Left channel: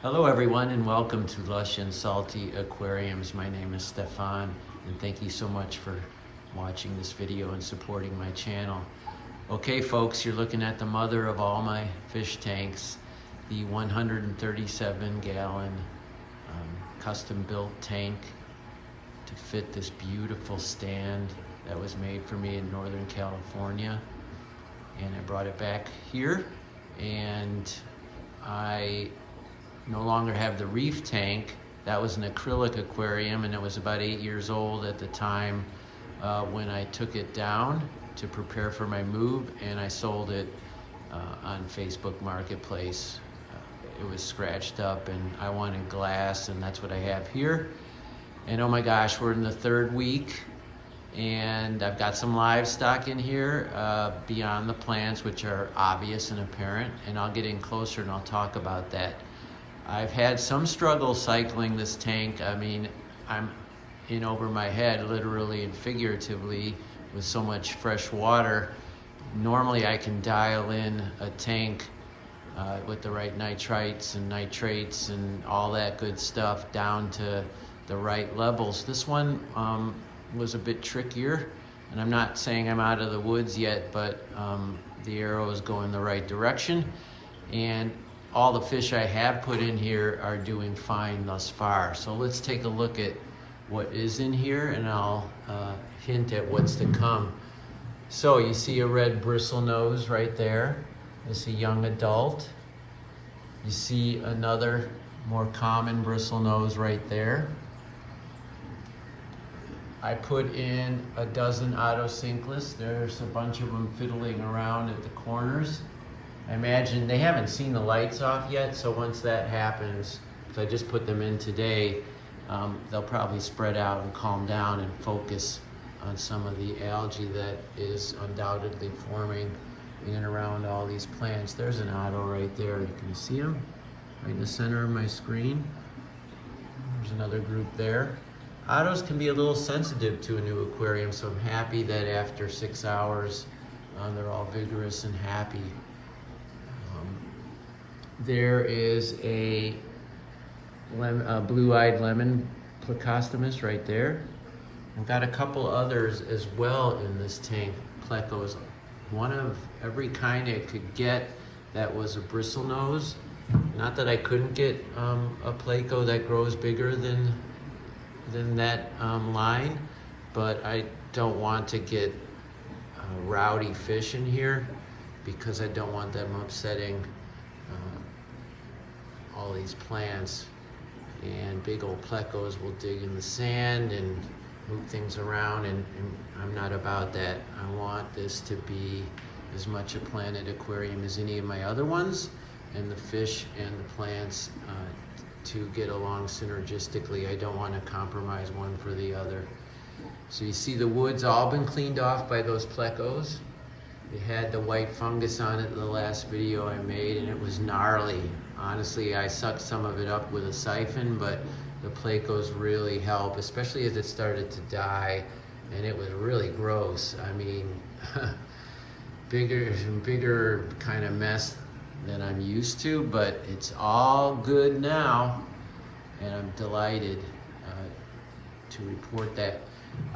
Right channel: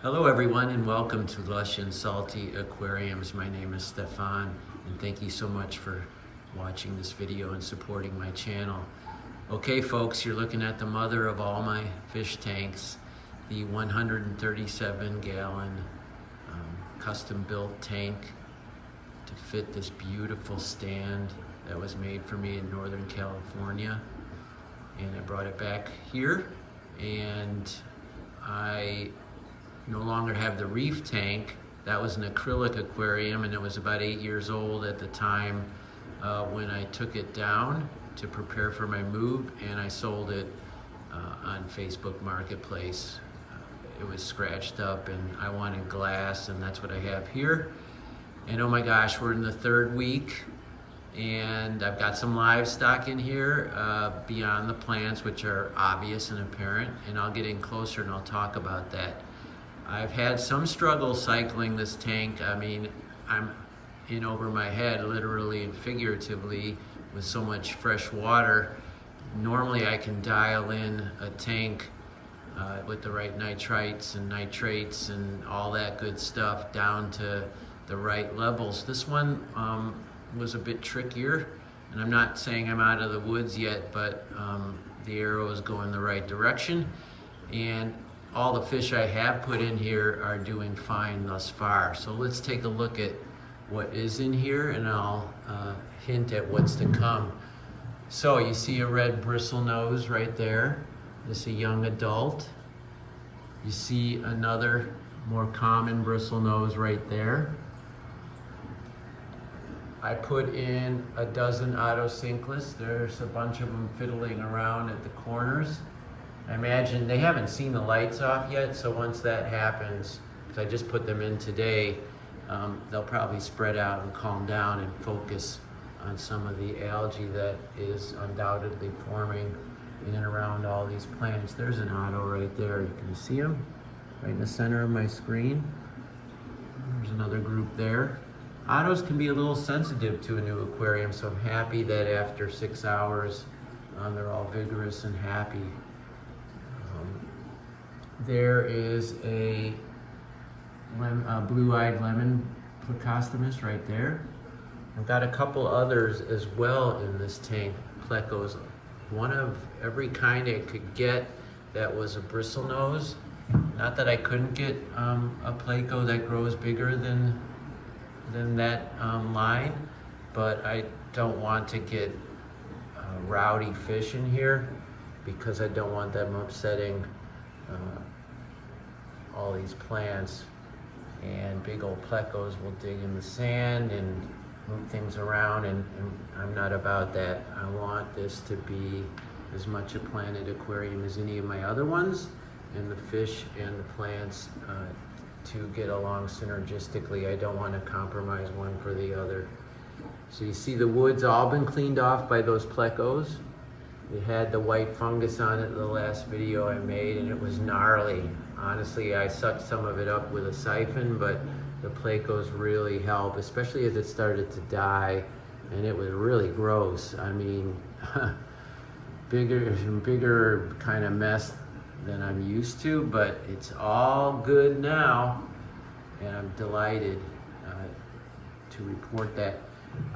Hello everyone and welcome to Lush and Salty Aquariums. My name is Stefan and thank you so much for watching this video and supporting my channel. Okay folks, you're looking at the mother of all my fish tanks, the 137 gallon custom built tank to fit this beautiful stand that was made for me in Northern California. And I brought it back here, and I no longer have the reef tank. That was an acrylic aquarium, and it was about 8 years old at the time when I took it down to prepare for my move, and I sold it on Facebook Marketplace. It was scratched up and I wanted glass, and that's what I have here. And oh my gosh, we're in the third week and I've got some livestock in here beyond the plants, which are obvious and apparent, and I'll get in closer and I'll talk about that. I've had some struggle cycling this tank. I mean, I'm in over my head, literally and figuratively, with so much fresh water. Normally I can dial in a tank with the right nitrites and nitrates and all that good stuff down to the right levels. This one was a bit trickier, and I'm not saying I'm out of the woods yet, but the arrow is going the right direction, and all the fish I have put in here are doing fine thus far. So let's take a look at what is in here, and I'll hint at what's to come. So you see a red bristlenose right there. This is a young adult. You see another more common bristlenose right there. I put in a dozen Otos. There's a bunch of them fiddling around at the corners. I imagine they haven't seen the lights off yet, so once that happens, because I just put them in today, they'll probably spread out and calm down and focus on some of the algae that is undoubtedly forming in and around all these plants. There's an Otto right there. Can you see him? Right in the center of my screen. There's another group there. Otos can be a little sensitive to a new aquarium, so I'm happy that after 6 hours, they're all vigorous and happy. There is a blue-eyed lemon plecostomus right there. I've got a couple others as well in this tank, Plecos. One of every kind I could get that was a bristlenose. Not that I couldn't get a Pleco that grows bigger than that line, but I don't want to get rowdy fish in here because I don't want them upsetting all these plants. And big old Plecos will dig in the sand and move things around, and I'm not about that. I want this to be as much a planted aquarium as any of my other ones, and the fish and the plants to get along synergistically. I don't want to compromise one for the other. So you see the wood's all been cleaned off by those Plecos. It had the white fungus on it the last video I made, and it was gnarly. Honestly, I sucked some of it up with a siphon, but the Plecos really help, especially as it started to die, and it was really gross. I mean, bigger kind of mess than I'm used to, but it's all good now, and I'm delighted to report that.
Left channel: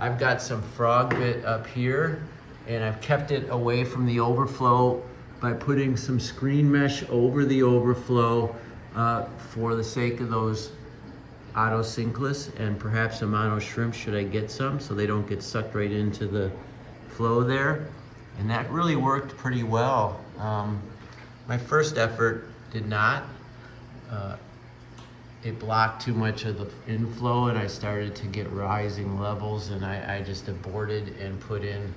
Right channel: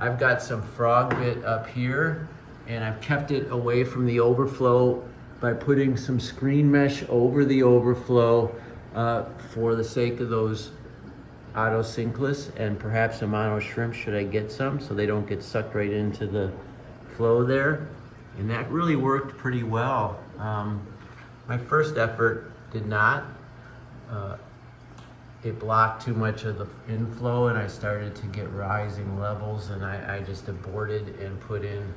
I've got some frog bit up here, and I've kept it away from the overflow by putting some screen mesh over the overflow for the sake of those Otos and perhaps some mono shrimp should I get some, so they don't get sucked right into the flow there. And that really worked pretty well. My first effort did not. It blocked too much of the inflow, and I started to get rising levels, and I just aborted and put in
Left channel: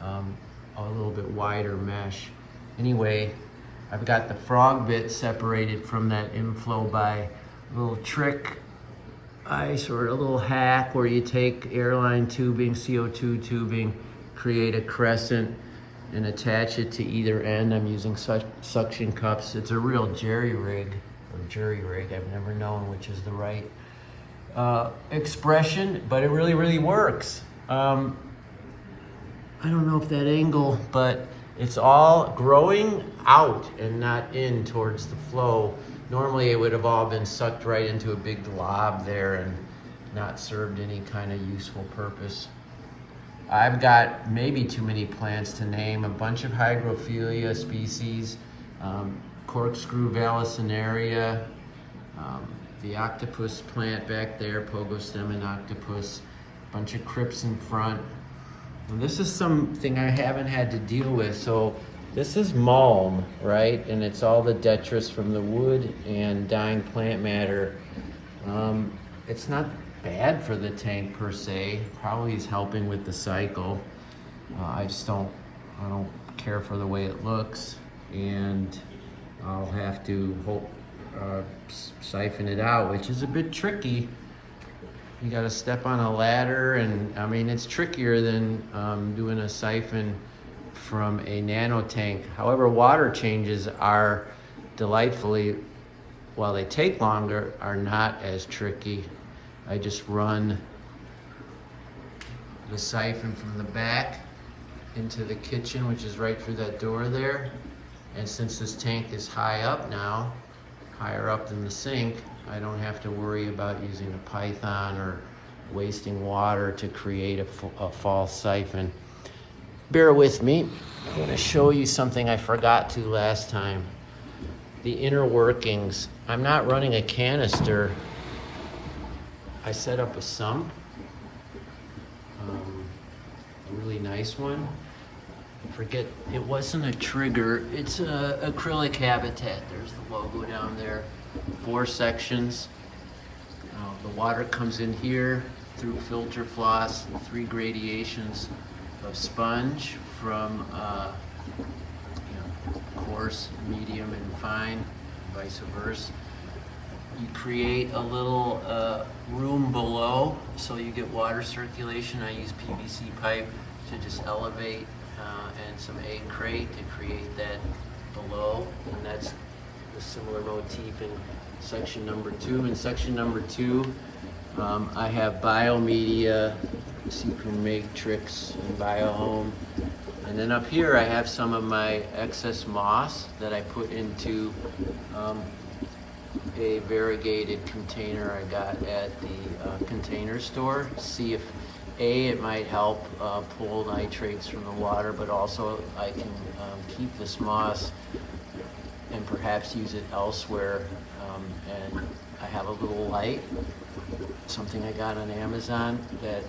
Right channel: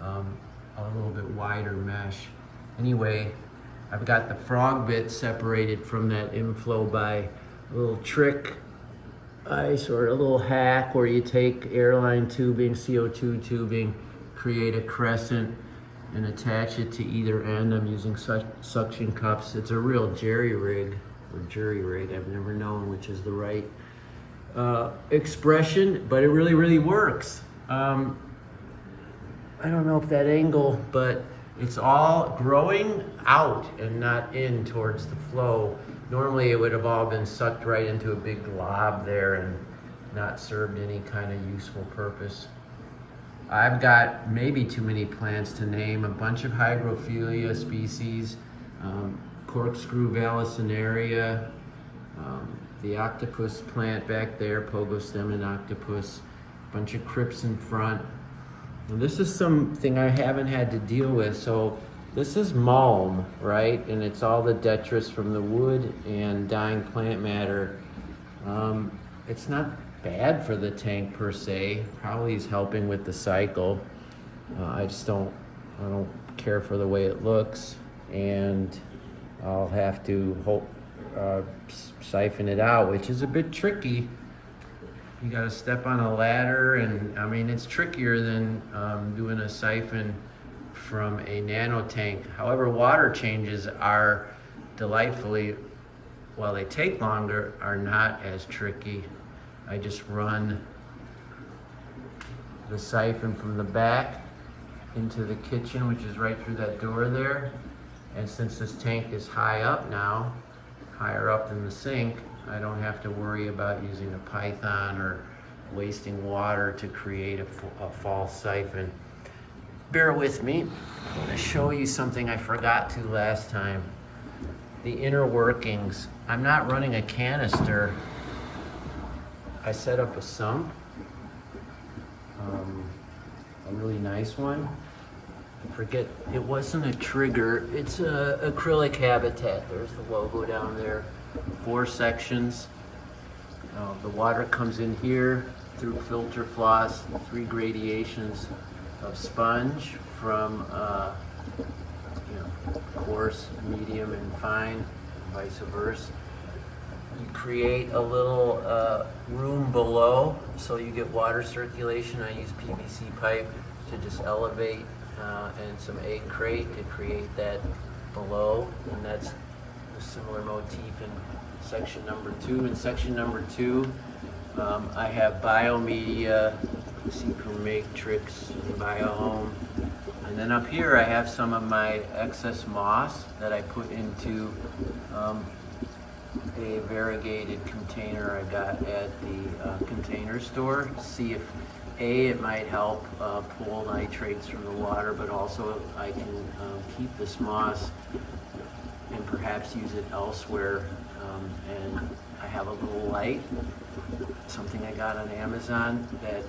a little bit wider mesh. Anyway, I've got the frog bit separated from that inflow by a little trick ice or a little hack where you take airline tubing, CO2 tubing, create a crescent and attach it to either end. I'm using suction cups. It's a real jerry rig. I've never known which is the right expression, but it really works. I don't know if that angle, but It's all growing out and not in towards the flow. Normally it would have all been sucked right into a big glob there and not served any kind of useful purpose. I've got maybe too many plants to name, a bunch of hygrophila species, corkscrew vallisneria, the octopus plant back there, pogostemon octopus, a bunch of crypts in front. And this is something I haven't had to deal with. So this is mulm, right? And it's all the detritus from the wood and dying plant matter. It's not bad for the tank per se. Probably is helping with the cycle. I don't care for the way it looks, and I'll have to siphon it out, which is a bit tricky. You gotta step on a ladder, and I mean, it's trickier than doing a siphon from a nano tank. However, water changes are delightfully, while they take longer, are not as tricky. I just run the siphon from the back into the kitchen, which is right through that door there. And since this tank is high up now, higher up than the sink, I don't have to worry about using a python or wasting water to create a false siphon. Bear with me. I'm going to show you something I forgot to last time. The inner workings. I'm not running a canister. I set up a sump, a really nice one. I forget, it wasn't a trigger, it's a acrylic habitat. There's the logo down there. 4 sections. The water comes in here through filter floss, 3 gradations of sponge from coarse, medium, and fine, vice versa. You create a little room below so you get water circulation. I use PVC pipe to just elevate and some egg crate to create that below, and that's a similar motif in section number 2. In section number 2, I have biomedia, secret matrix, and biohome. And then up here I have some of my excess moss that I put into a variegated container I got at the container store. See if it might help pull nitrates from the water, but also I can keep this moss and perhaps use it elsewhere. And I have a little light, something I got on Amazon that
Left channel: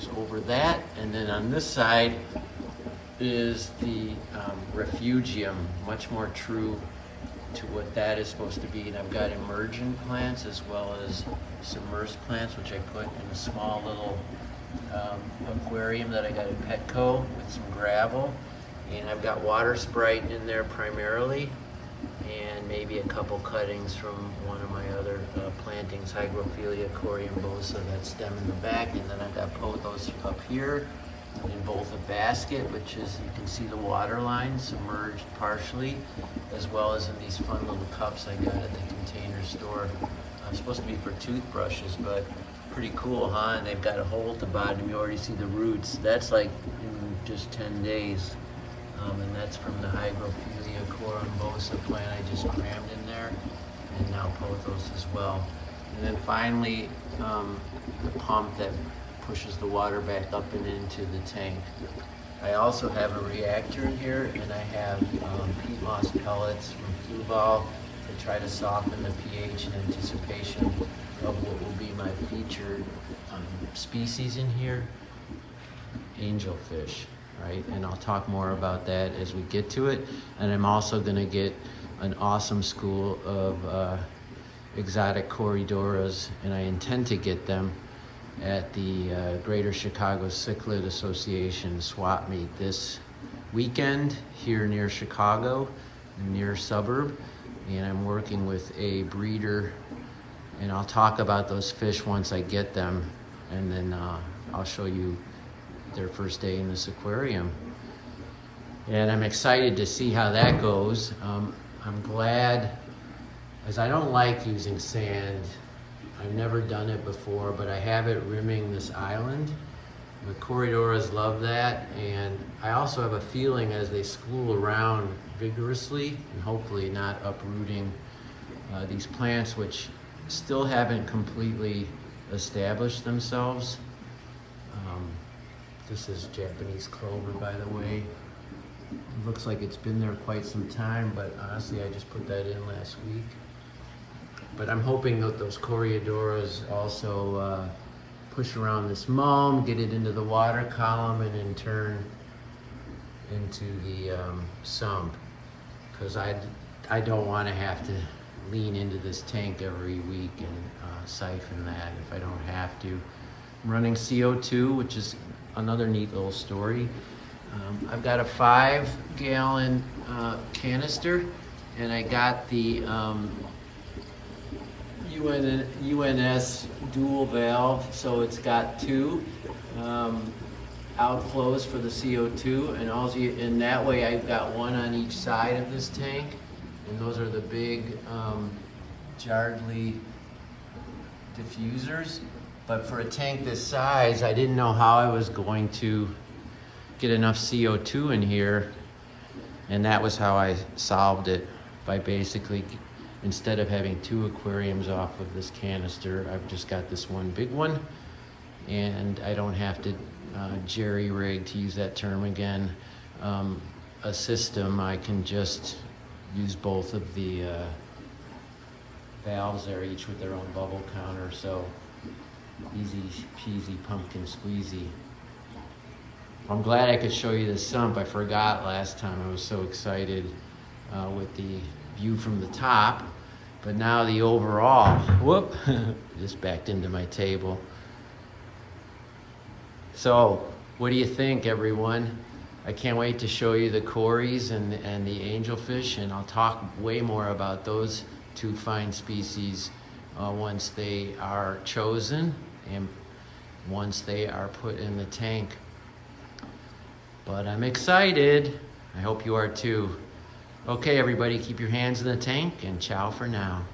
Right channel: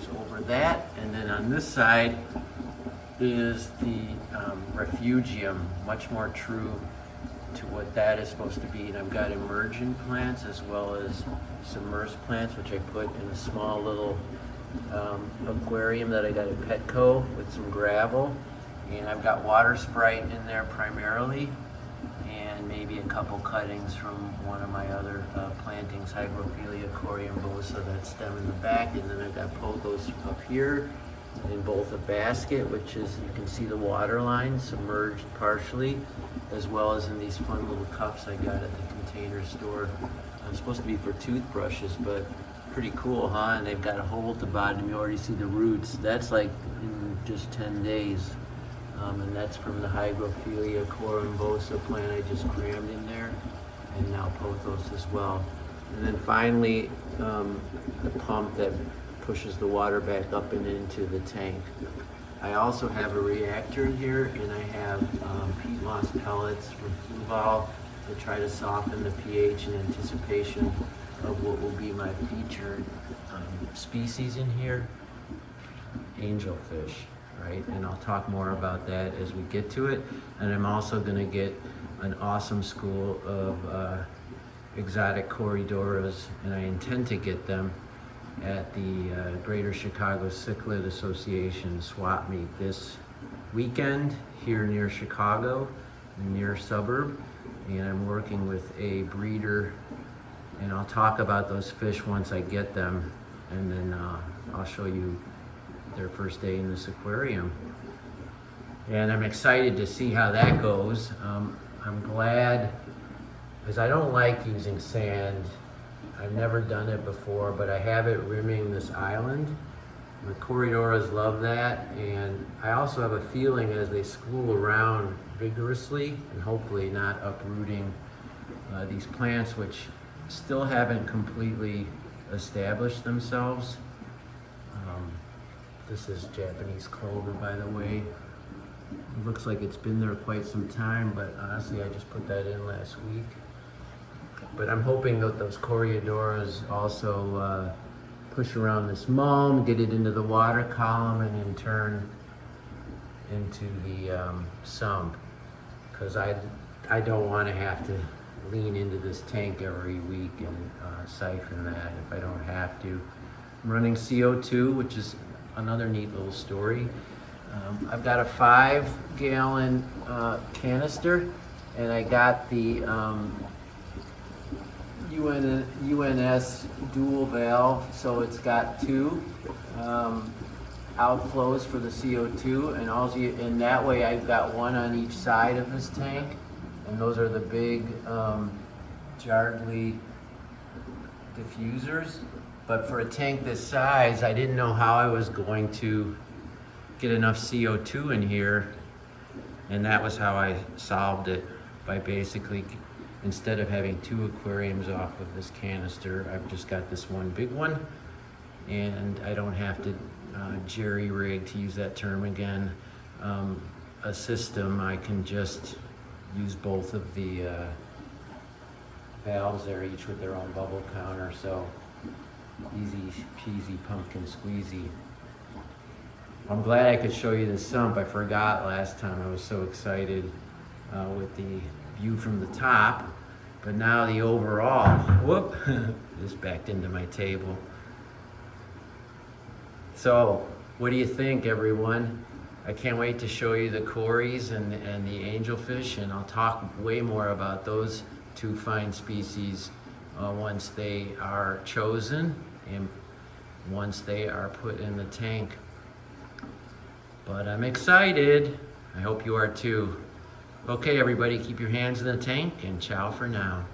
is over that. And then on this side is the refugium, much more true to what that is supposed to be. And I've got emergent plants as well as submersed plants, which I put in a small little aquarium that I got in Petco with some gravel. And I've got water sprite in there primarily, and maybe a couple cuttings from one of my other plantings, Hygrophila coriambosa, that stem in the back. And then I've got pothos up here in both a basket, which is, you can see the water line submerged partially, as well as in these fun little cups I got at the container store. It's supposed to be for toothbrushes, but pretty cool, huh? And they've got a hole at the bottom. You already see the roots. That's like in just 10 days. And that's from the Hygrophila coriambosa plant I just crammed in there, and now pothos as well. And then finally, the pump that pushes the water back up and into the tank. I also have a reactor in here, and I have peat moss pellets from Fluval to try to soften the pH in anticipation of what will be my featured species in here, angelfish, right? And I'll talk more about that as we get to it. And I'm also gonna get an awesome school of exotic Corydoras, and I intend to get them at the Greater Chicago Cichlid Association swap meet this weekend here near Chicago, near suburb. And I'm working with a breeder, and I'll talk about those fish once I get them, and then I'll show you their first day in this aquarium. And I'm excited to see how that goes. I'm glad, because I don't like using sand. I've never done it before, but I have it rimming this island, The Corridoras love that, and I also have a feeling as they school around vigorously and hopefully not uprooting these plants which still haven't completely established themselves. This is Japanese clover, by the way. It looks like it's been there quite some time, but honestly I just put that in last week. But I'm hoping that those Corridoras also push around this mulm, get it into the water column, and in turn into the sump. Because I don't want to have to lean into this tank every week and siphon that if I don't have to. I'm running CO2, which is another neat little story. I've got a 5-gallon canister, and I got the UNS dual valve, so it's got 2 outflows for the CO2, and also in that way I've got 1 on each side of this tank, and those are the big Yardley diffusers. But for a tank this size, I didn't know how I was going to get enough CO2 in here, and that was how I solved it, by basically, instead of having 2 aquariums off of this canister, I've just got this one big one, and I don't have to jerry-rig, to use that term again, a system. I can just use both of the valves there, each with their own bubble counter, so easy peasy pumpkin squeezy. I'm glad I could show you the sump. I forgot last time. I was so excited with the view from the top, but now the overall, whoop, just backed into my table. So what do you think, everyone? I can't wait to show you the Corys and the angelfish, and I'll talk way more about those 2 fine species once they are chosen and once they are put in the tank. But I'm excited. I hope you are too. Okay, everybody, keep your hands in the tank, and ciao for now.